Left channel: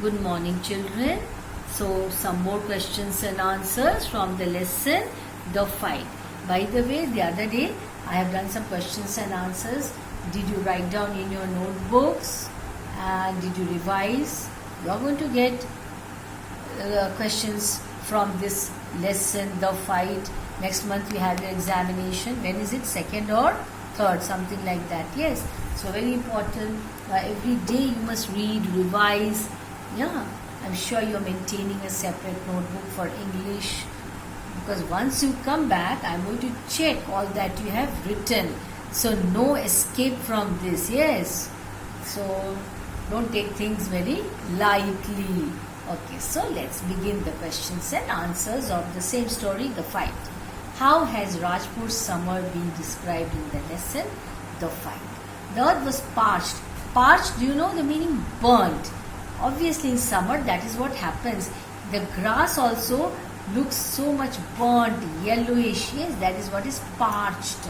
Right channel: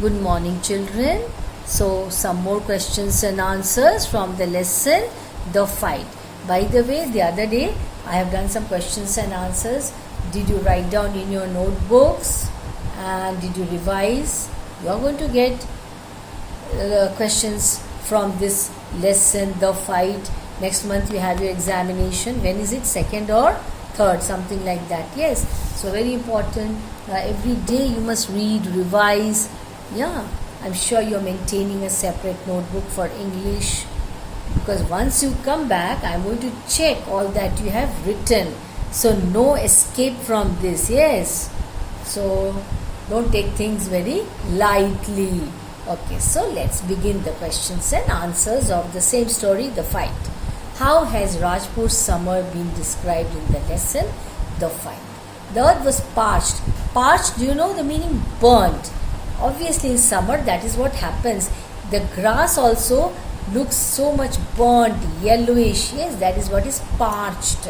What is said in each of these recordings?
Good morning, children. So, some more questions and answers from the lesson The Fight. By the way, the other day I have done some questions and answers. Did you write down in your notebooks and did you revise? You are going to get questions from this lesson The Fight. Next month you have your examination. When is it? Second or third? Something like that. Yes. So very important. Every day you must read, revise. Yeah, I'm sure you're maintaining a separate notebook for English, because once you come back, I'm going to check all that you have written. So no escape from this. Yes. So don't take things very lightly. Okay, so let's begin the questions and answers of the same story, The Fight. How has Rajput's summer been described in the lesson, The Fight? The earth was parched. Parched, do you know the meaning? Burnt. Obviously in summer that is what happens. The grass also looks so much burnt, yellowish. Yes, that is what is parched.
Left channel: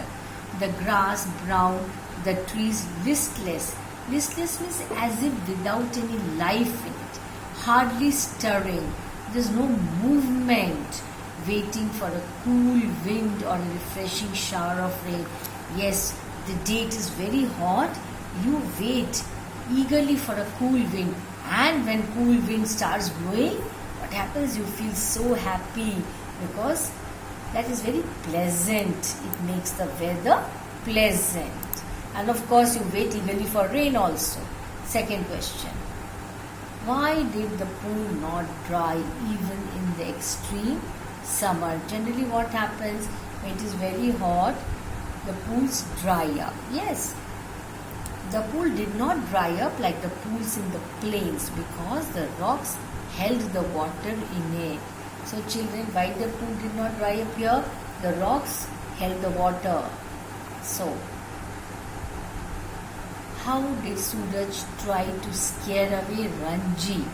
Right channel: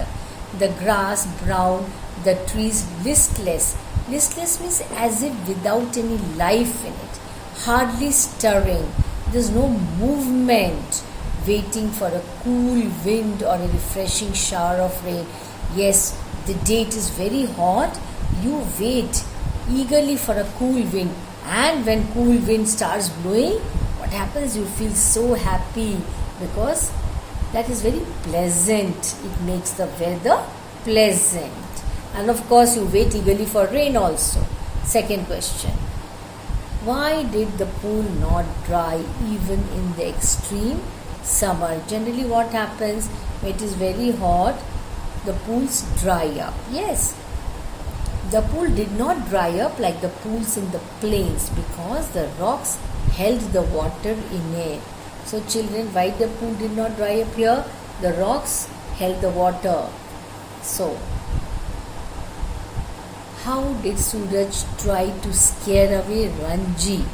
The grass brown, the trees listless. Listless means as if without any life in it. Hardly stirring. There's no movement. Waiting for a cool wind or a refreshing shower of rain. Yes, the day it is very hot. You wait eagerly for a cool wind. And when cool wind starts blowing, what happens? You feel so happy because that is very pleasant. It makes the weather pleasant. And of course, you wait eagerly for rain also. Second question. Why did the pool not dry even in the extreme summer? Generally what happens when it is very hot, the pools dry up. Yes. The pool did not dry up like the pools in the plains because the rocks held the water in it. So children, why the pool did not dry up here? The rocks held the water. So, how did Suraj try to scare away Ranji?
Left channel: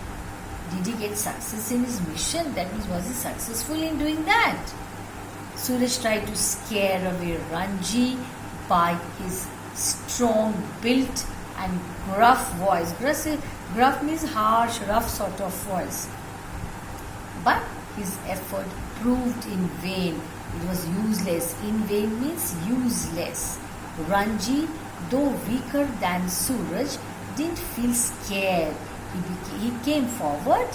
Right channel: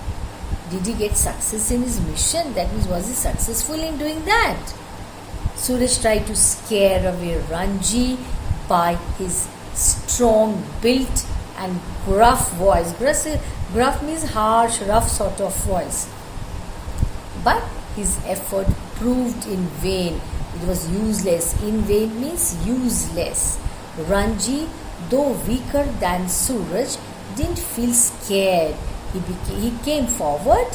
Did he get success in his mission? That means, was he successful in doing that? Suraj tried to scare away Ranji by his strong built and gruff voice. Gruff means harsh, rough sort of voice. But his effort proved in vain. It was useless. In vain means useless. Ranji, though weaker than Suraj, didn't feel scared. He came forward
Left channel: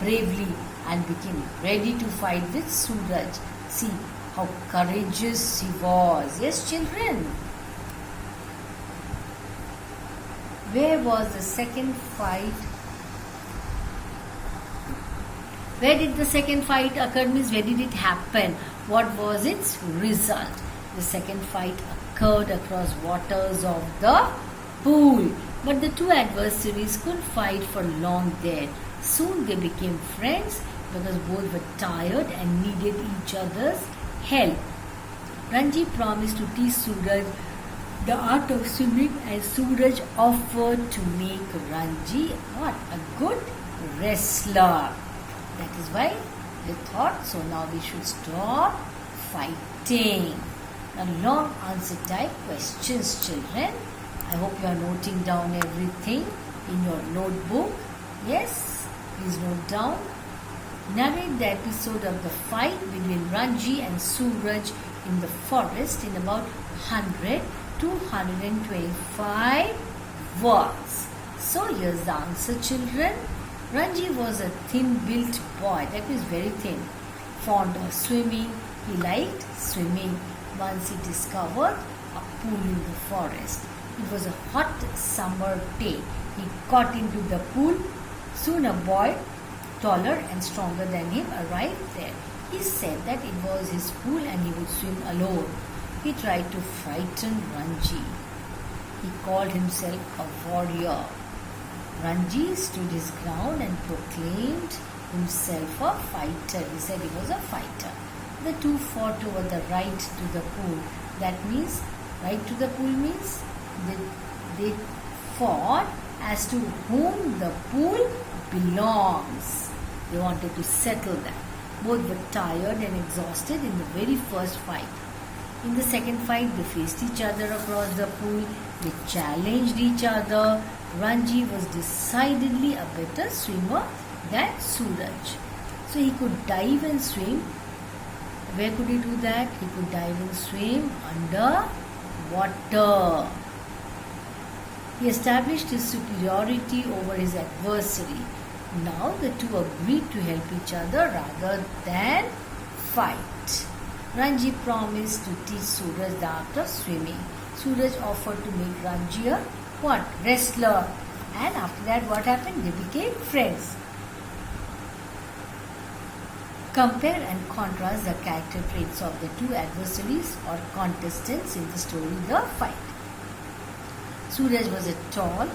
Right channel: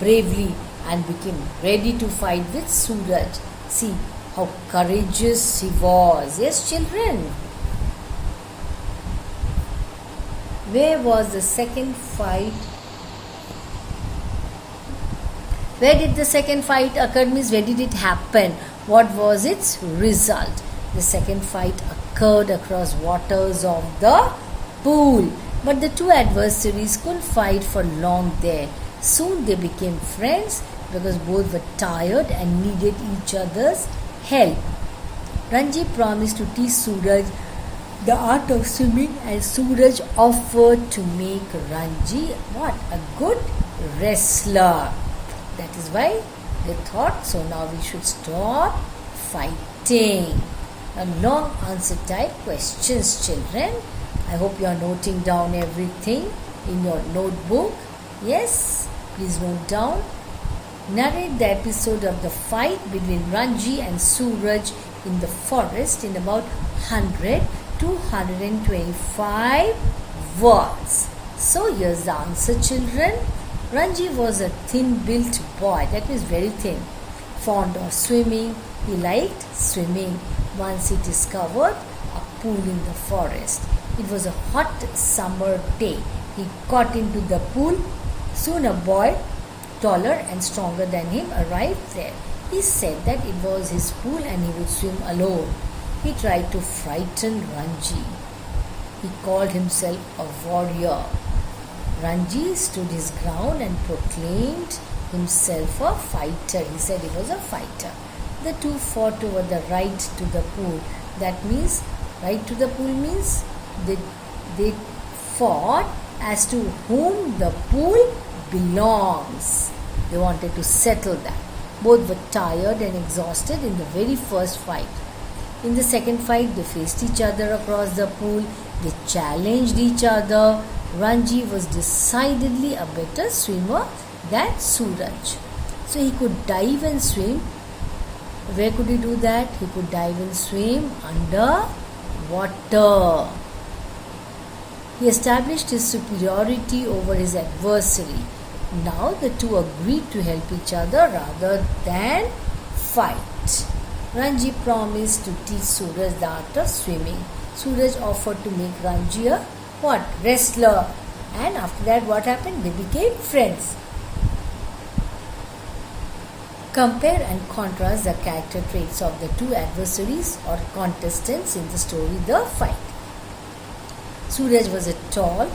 bravely and became ready to fight with Suraj. See how courageous he was. Yes, children. Where was the second fight? Where did the second fight occur? Means where did it happen? What was its result? The second fight occurred across waters of the pool. But the two adversaries couldn't fight for long there. Soon they became friends because both were tired and needed each other's help. Ranji promised to teach Suraj the art of swimming, and Suraj offered to make Ranji a good wrestler. That is why they thought, so now we should stop fighting. A long answer type questions, children. I hope you are noting down everything in your notebook. Yes, please note down. Narrate the episode of the fight between Ranji and Suraj in the forest in about 100 to 125 words. So here's the answer, children. Ranji was a thin-built boy, that means very thin, fond of swimming. He liked swimming. Once he discovered a pool in the forest. It was a hot summer day. He got into the pool. Soon a boy, taller and stronger than him, arrived there. He said that it was his pool and he would swim alone. He tried to frighten Ranji. He called himself a warrior. Ranji stood his ground and proclaimed himself a fighter. He said he was a fighter. The two fought over the right to the pool. That means, right to the pool means they fought as to whom the pool belongs. They wanted to settle that. Both were tired and exhausted in the very first fight. In the second fight, they faced each other across the pool. They challenged each other Ranji was decidedly a better swimmer than Suraj. So he could dive and swim. Where could he do that? He could dive and swim under water. He established his superiority over his adversary. Now the two agreed to help each other rather than fight. Ranji promised to teach Suraj the art of swimming. Suraj offered to make Ranji a what? Wrestler. And after that what happened? They became friends. Compare and contrast the character traits of the two adversaries or contestants in the story The Fight. Suraj was a tall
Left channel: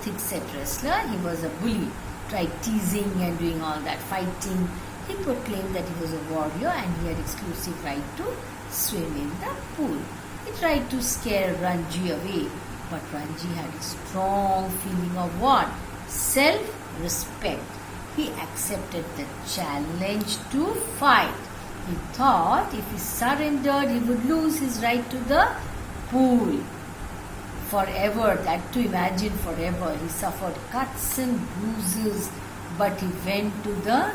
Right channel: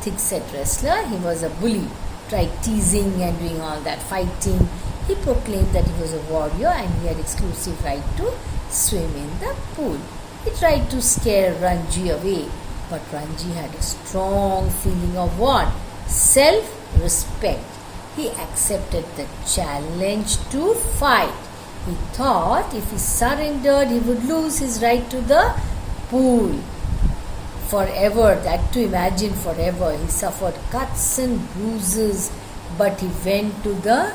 thick-set wrestler. He was a bully, tried teasing and doing all that fighting. He proclaimed that he was a warrior and he had exclusive right to swim in the pool. He tried to scare Ranji away, but Ranji had a strong feeling of what? Self-respect. He accepted the challenge to fight. He thought if he surrendered, he would lose his right to the pool. Forever, that to imagine forever. He suffered cuts and bruises, but he went to the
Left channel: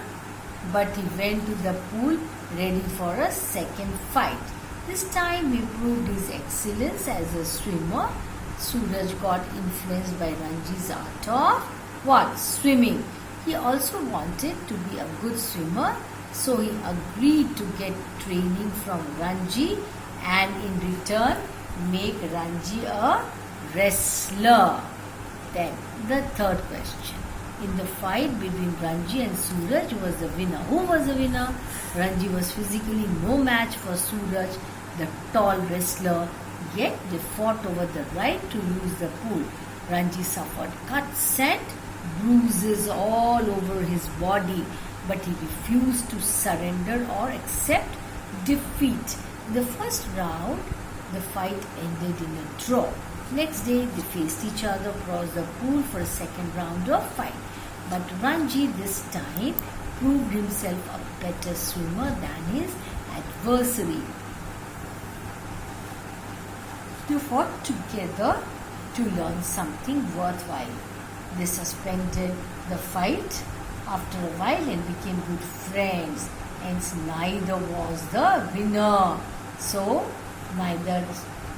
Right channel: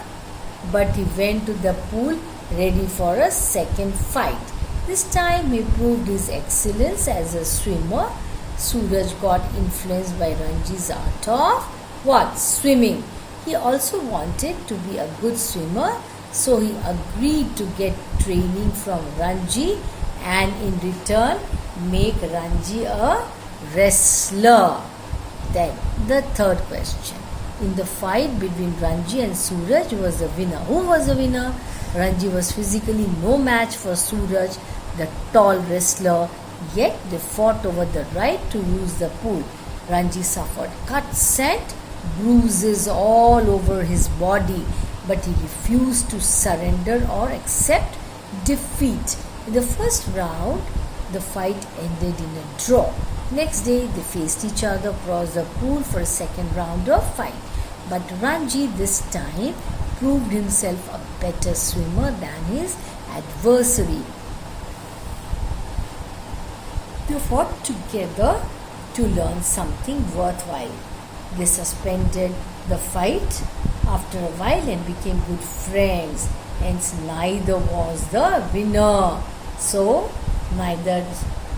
pool ready for a second fight. This time he proved his excellence as a swimmer. Suraj got influenced by Ranji's art of what? Swimming. He also wanted to be a good swimmer, so he agreed to get training from Ranji and in return make Ranji a wrestler. Then the third question. In the fight between Ranji and Suraj, who was the winner? Who was the winner? Ranji was physically no match for Suraj, the tall wrestler, yet they fought over the right to use the pool. Ranji suffered cuts and bruises all over his body, but he refused to surrender or accept defeat. In the first round, the fight ended in a draw. Next day, they faced each other across the pool for a second round of fight. But Ranji this time proved himself a better swimmer than his adversary. They fought together to learn something worthwhile. They suspended the fight after a while and became good friends. Hence, neither was the winner. So, neither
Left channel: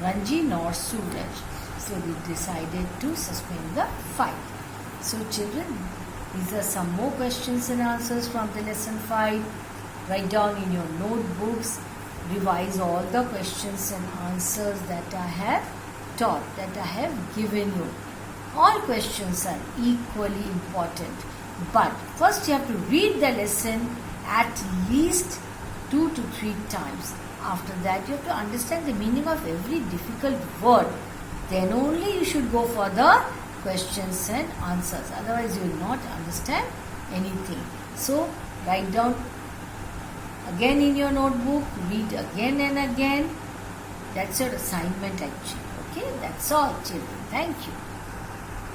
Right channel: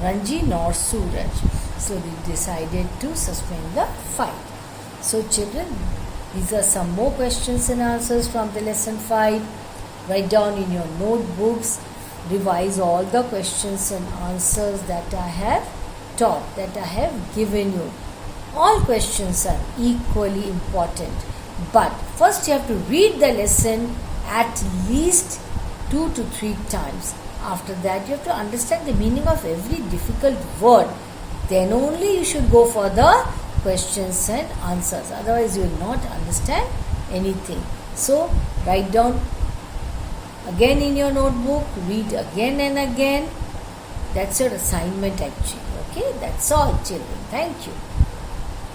Ranji nor Suraj. So, they decided to suspend the fight. So, children, these are some more questions and answers from the lesson 5. Write down in your notebooks. Revise all the questions and answers that I have taught, that I have given you. All questions are equally important. But first you have to read the lesson at least 2 to 3 times. After that you have to understand the meaning of every difficult word. Then only you should go for the questions and answers. Otherwise you will not understand anything. So write down again in your notebook, read again and again. That's your assignment actually. Okay, that's all children. Thank you.